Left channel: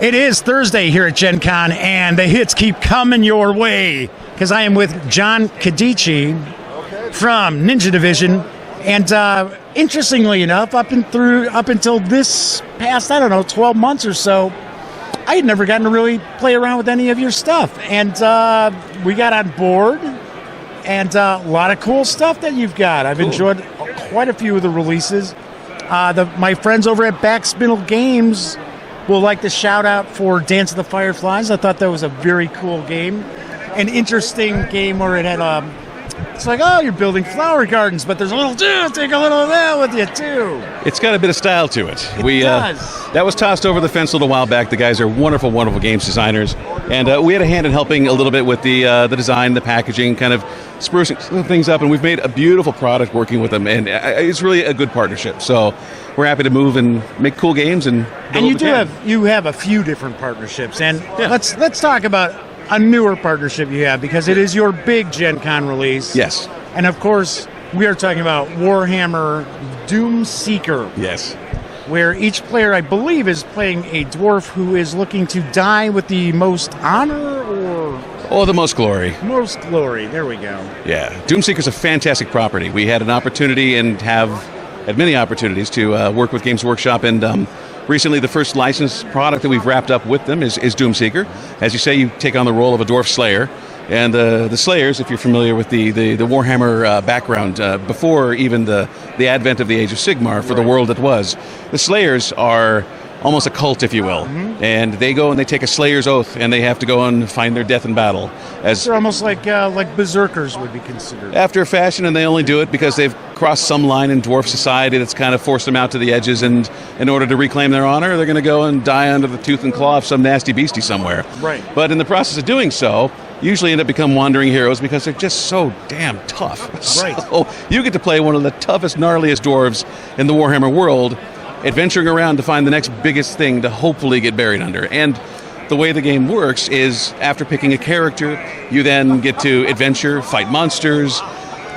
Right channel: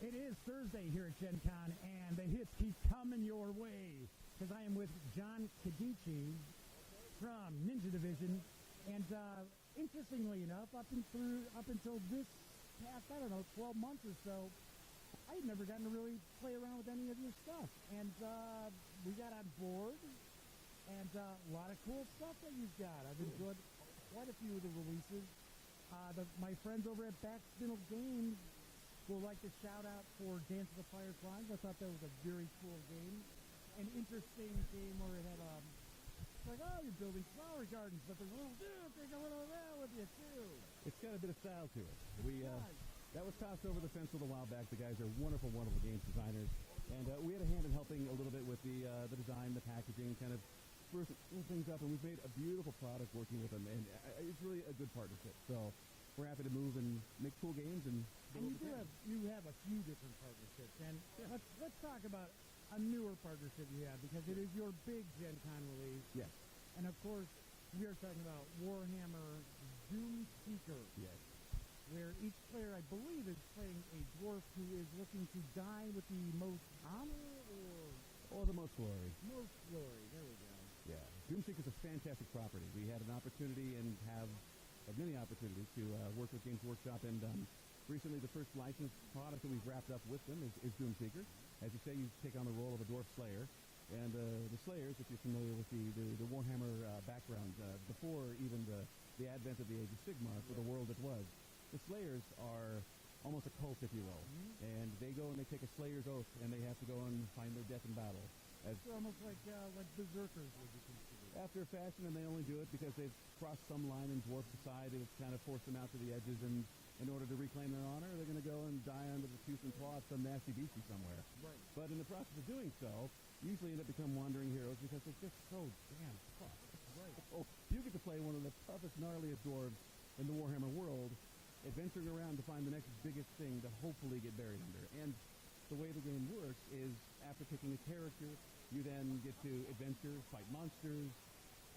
It is Thursday here at Gen Con, and the hits keep coming your way because I am with John Cadice from Ninja Division. And interestingly enough, up until this past, 12 months or so, I had never gotten to really play around with any of your stuff. And we got on board, and a lot of cool stuff that you've got. I've enjoyed quite a few of the releases. My friends over at Backspinel Games will like to shout out for Dance of the Fireflies. I thought that was a very cool game. An interesting game where it had it's like, oh, you're building flower gardens, but there's a little, take a little of that with you, too. It's got a bit of style to it. It does. That was tossed over the fence a little while back. The guys are wonderful, wonderful games designers. And we had a hand in helping a little bit with the design, the packaging, kind of sprucing things up. And we've made a beautiful product working with them. And it's really a good partnership. So we're happy to move and make cool games. And you have a few different partnerships. And let's talk about a newer partnership you have, because it is your big Gen Con release. Yes. And of course, we are talking about Warhammer Doomseeker. Yes. Where each player, I believe, is playing a dwarf who is looking to die with the most honor or... the most glory. Most glory. There we go. Yeah. Doomseeker's a fantastic property. We had an opportunity and had many opportunities to work with Games Workshop, and recently, the first licensed product that we've wrapped up with them is Doomseeker. As you say, you take on the role of a dwarf slayer. And the Slayers, if you're familiar with the Warhammer background, before even the advent of the Age of Sigmar for the world that was, the Slayers are almost a cult, if you will. Mm-hmm. And they go and they take a Slayer's oath, and they have to go and find their death in battle. They're almost like berserkers would be considered. After a fashion, and they only do it because they've crossed some line in dwarf society that's kind of forced them out to the edges, and in order to reclaim their honor, they're going to go and die under the tooth and claw of some nasty beastie somewhere. Right. But in the process of doing so, usually end up become wandering heroes because they're just so damn tough. Right. So you get to play one of the toughest, gnarliest dwarves in the Warhammer world, adventuring around to find the next biggest thing to hopefully get buried under. And the way the game works is, after picking a character, you then get to adventure, fight monsters,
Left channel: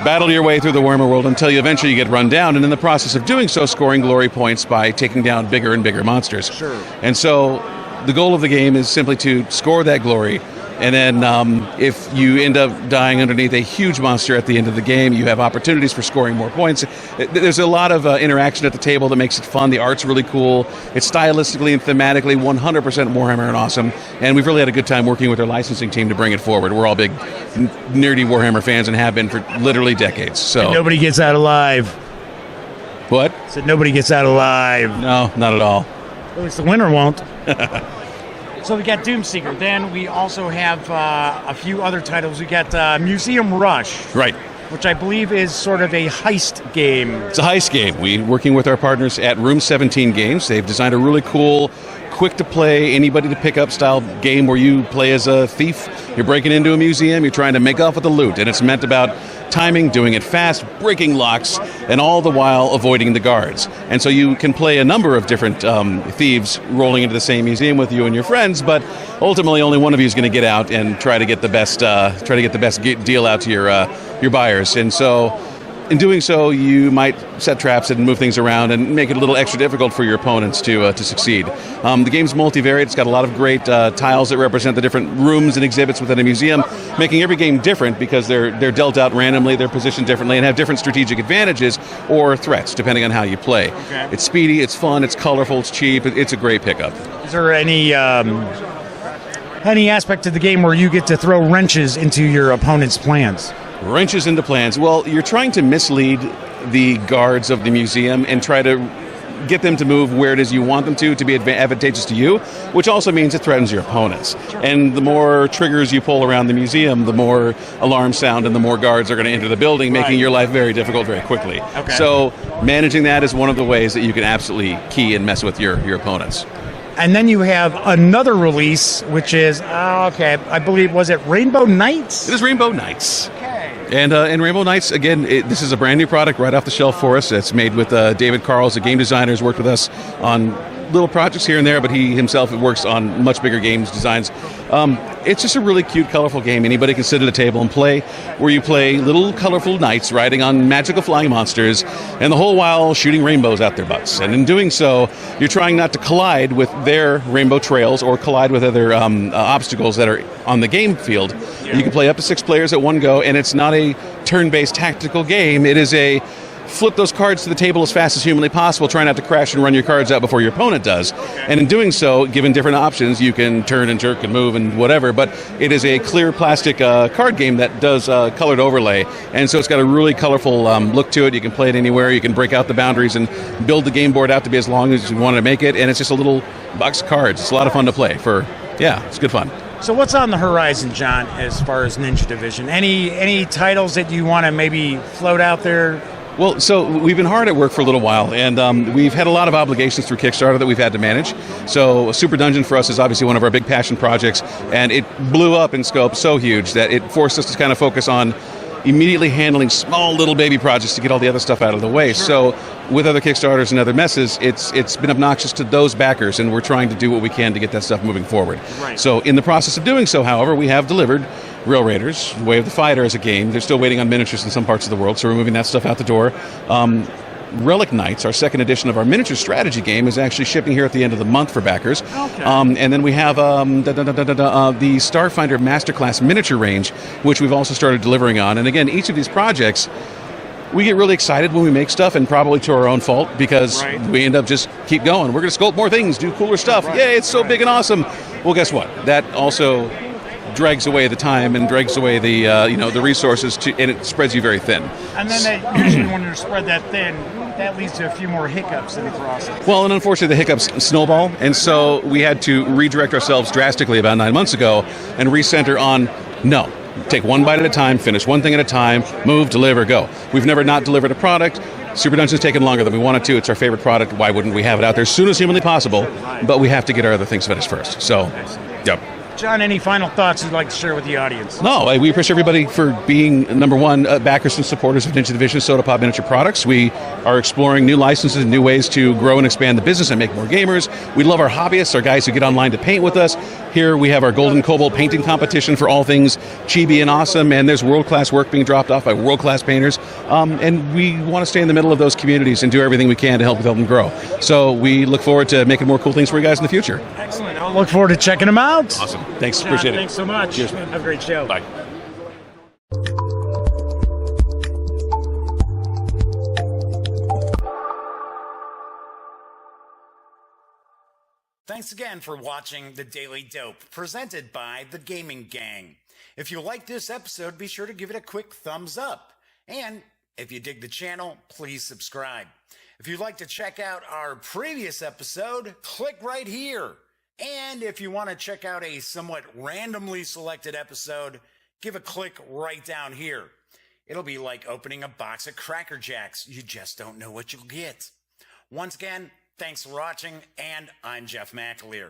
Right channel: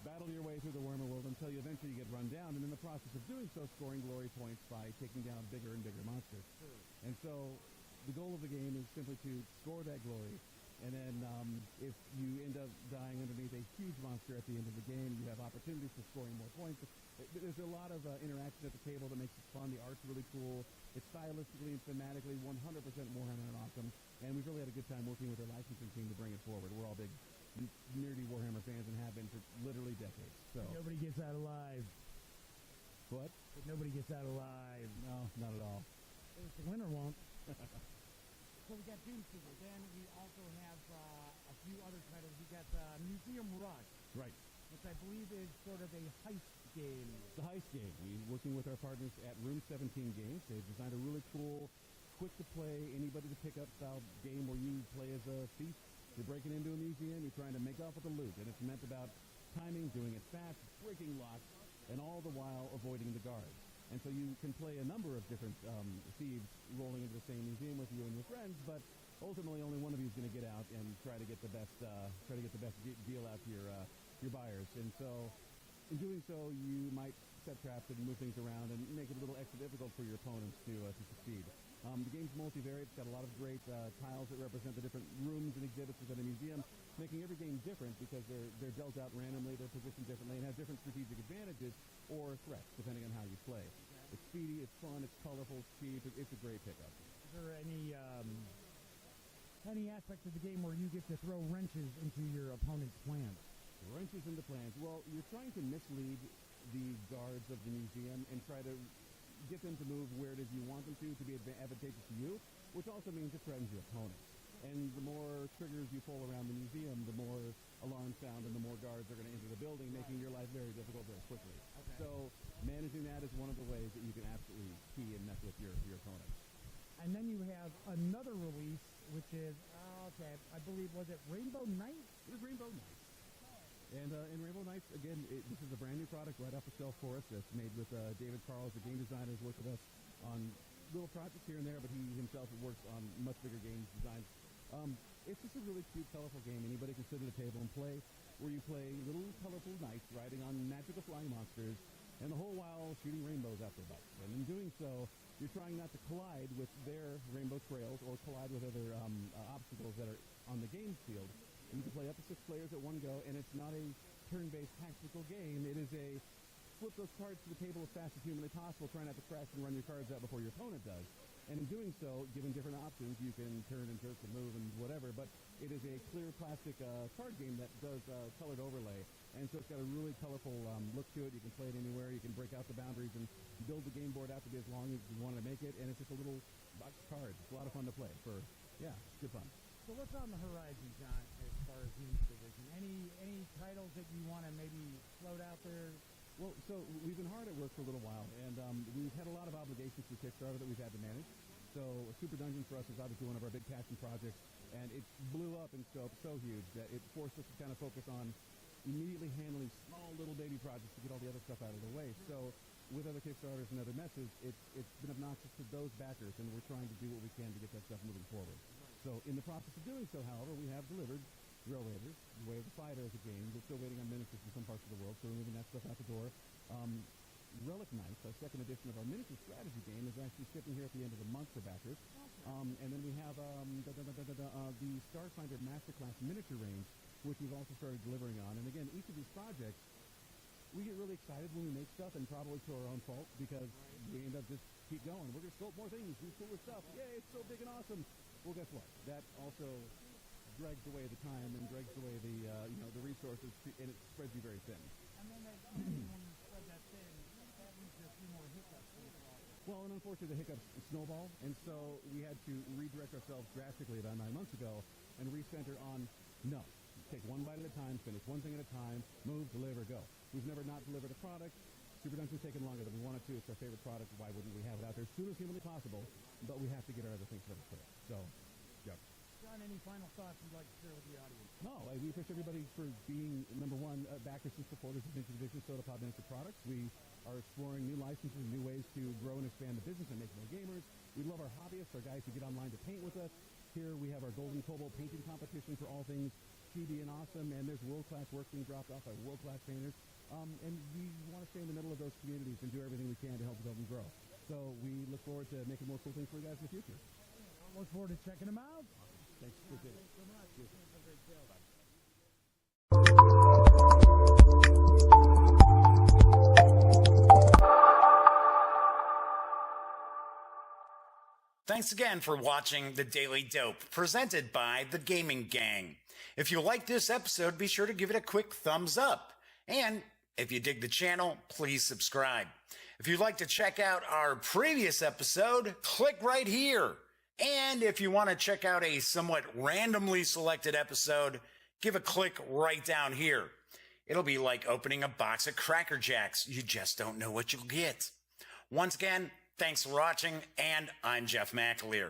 battle your way through the Warhammer world until you eventually get run down, and in the process of doing so, scoring glory points by taking down bigger and bigger monsters. Sure. And so the goal of the game is simply to score that glory, and then if you end up dying underneath a huge monster at the end of the game, you have opportunities for scoring more points. There's a lot of interaction at the table that makes it fun. The art's really cool. It's stylistically and thematically 100% Warhammer and awesome. And we've really had a good time working with our licensing team to bring it forward. We're all big, nerdy Warhammer fans and have been for literally decades. So and nobody gets out alive. What? Said nobody gets out alive. No, not at all. At least the winner won't. So we got Doomseeker. Then we also have a few other titles. We got Museum Rush. Right. Which I believe is sort of a heist game. It's a heist game. We're working with our partners at Room 17 Games. They've designed a really cool, quick-to-play, anybody-to-pick-up style game where you play as a thief. You're breaking into a museum. You're trying to make off with the loot. And it's meant about timing, doing it fast, breaking locks, and all the while avoiding the guards. And so you can play a number of different thieves rolling into the same museum with you and your friends, but ultimately only one of you is going to get out and try to get the best deal out to your buyers. And so in doing so, you might set traps and move things around and make it a little extra difficult for your opponents to succeed. The game's multivariate. It's got a lot of great tiles that represent the different rooms and exhibits within a museum, making every game different because they're dealt out randomly, they're positioned differently, and have different strategic advantages or threats, depending on how you play. Okay. It's speedy, it's fun, it's colorful, it's cheap, it's a great pickup. Is there any aspect of the game where you get to throw wrenches into your opponent's plans? Wrenches into plans. Well, you're trying to mislead the guards of the museum and try to get them to move where it is you want them to be advantageous to you, which also means it threatens your opponents. Sure. And the more triggers you pull around the museum, the more alarms sound and the more guards are going to enter the building, making your life very difficult very quickly. Okay. So managing that is one of the ways that you can absolutely key and mess with your opponents. And then you have another release, which is, I believe, was it Rainbow Knights? It is Rainbow Knights. Okay. And Rainbow Knights, again, this is a brand new product right off the shelf for us. It's made with David Carls, a game designer, who's worked with us on little projects here and there, but he himself works on much bigger games designs. It's just a really cute, colorful game. Anybody can sit at a table and play, where you play little colorful knights riding on magical flying monsters, and the whole while shooting rainbows out their butts. And in doing so, you're trying not to collide with their rainbow trails or collide with other obstacles that are on the game field. You can play up to 6 players at one go, and it's not a turn-based tactical game. It is a flip those cards to the table as fast as humanly possible, try not to crash and run your cards out before your opponent does. And in doing so, given different options, you can turn and jerk and move and whatever, but it is a clear plastic card game that does colored overlay, and so it's got a really colorful look to it. You can play it anywhere, you can break out the boundaries and build the game board out to be as long as you want to make it, and it's just a little box of cards. It's a lot of fun to play. It's good fun. So what's on the horizon, John, as far as Ninja Division? Any titles that you want to maybe float out there? Well, so we've been hard at work for a little while, and we've had a lot of obligations through Kickstarter that we've had to manage. So Super Dungeon for us is obviously one of our big passion projects, and it blew up in scope so huge that it forced us to kind of focus on immediately handling small little baby projects to get all the other stuff out of the way. Sure. So with other Kickstarters and other messes, it's been obnoxious to those backers, and we're trying to do what we can to get that stuff moving forward. Right. So in the process of doing so, however, we have delivered Rail Raiders, Way of the Fighter as a game. They're still waiting on miniatures in some parts of the world, so we're moving that stuff out the door. Relic Knights, our second edition of our miniature strategy game, is actually shipping here at the end of the month for backers. Okay. And then we have the Starfinder Masterclass miniature range, which we've also started delivering on. And again, each of these projects, we get really excited when we make stuff, and probably to our own fault, because we end up just keep going. We're going to sculpt more things, do cooler stuff. Yay, it's so big and awesome. Well, guess what? That also drags away the time and drags away the the resources, and it spreads you very thin. And then usually when you spread that thin, that leads to a few more hiccups in the process. Well, and unfortunately the hiccups snowball, and so we had to redirect ourselves drastically about 9 months ago and recenter on, no, take one bite at a time, finish one thing at a time, move, deliver, go. We've never not delivered a product. Super Dungeon's taken longer than we wanted to. It's our favorite product. Why wouldn't we have it out there as soon as humanly possible? But we have to get our other things finished first. So, yep. John, any final thoughts you'd like to share with the audience? No, we appreciate everybody for being, number one, backers and supporters of Ninja Division Soda Pop Miniature Products. We are exploring new licenses and new ways to grow and expand the business and make more gamers. We love our hobbyists, our guys who get online to paint with us. Here we have our Golden Cobalt painting competition for all things chibi and awesome, and there's world-class work being dropped off by world-class painters. And we want to stay in the middle of those communities and do everything we can to help them grow. So we look forward to making more cool things for you guys in the future. Excellent. I'll look forward to checking them out. Awesome. Thanks. John, Appreciate it. Thanks so much. Cheers. Have a great show. Bye. Thanks again for watching The Daily Dope, presented by The Gaming Gang. If you like this episode, be sure to give it a quick thumbs up. And if you dig the channel, please subscribe. If you'd like to check out our previous episode, click right here. And if you want to check out a somewhat randomly selected episode, give a click right down here. It'll be like opening a box of Cracker Jacks. You just don't know what you'll get. Once again, thanks for watching, and I'm Jeff McAleer.